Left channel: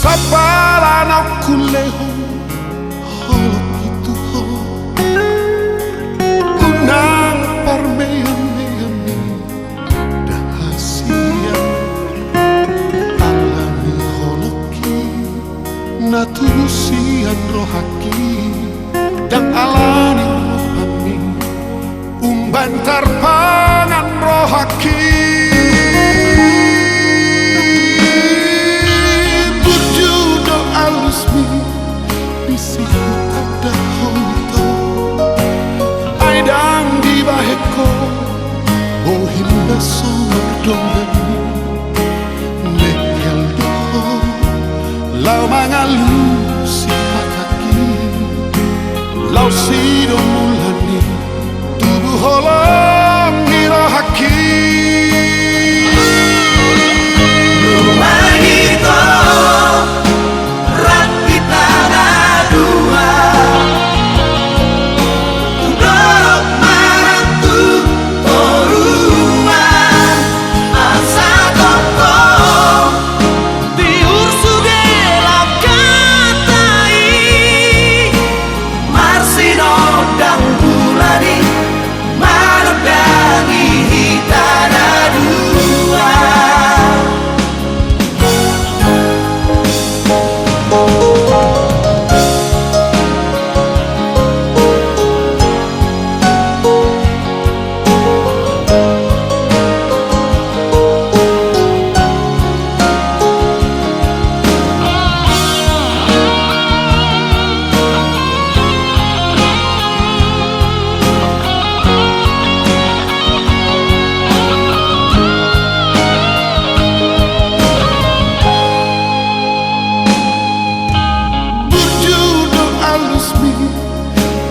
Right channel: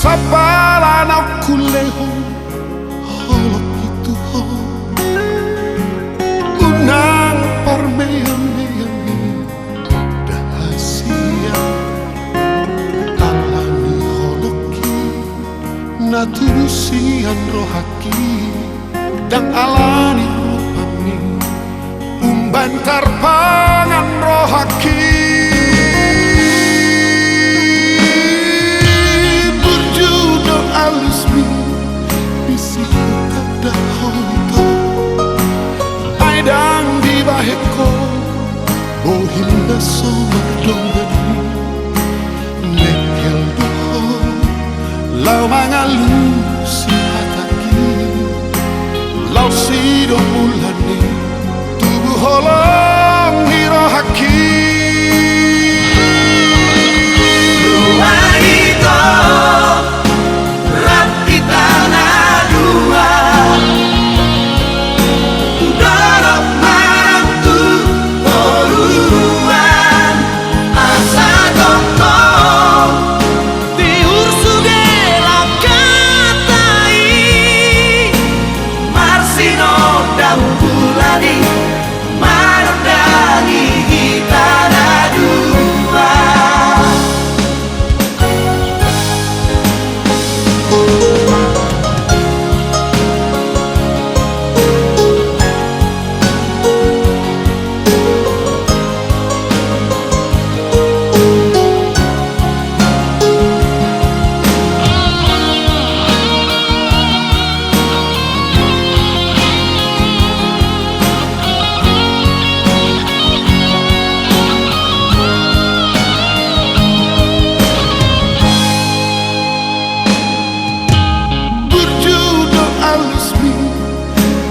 Sapala na kuleho holok itu ho unang parmean-meani dahasia alani holoki naturusian rohaki dan alani rohani umbantar pangan rohaki alusmi bisi hutak dahoito aidang di baheko bohinda somerdongani nekel doho lau mangalu si hataki lau sido mulani tubuh holong hirohaki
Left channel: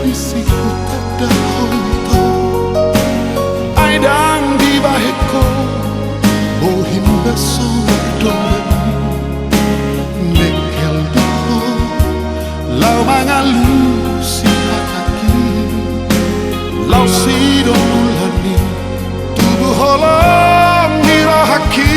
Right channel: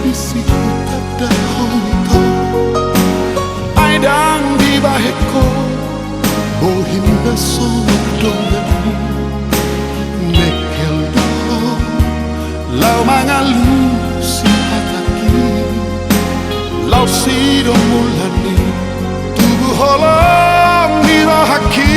bisi hutak dahoito aidang di baheko bohinda somerdongani nekel doho lau mangalu si hataki lau sido mulani tubuh holong hirohaki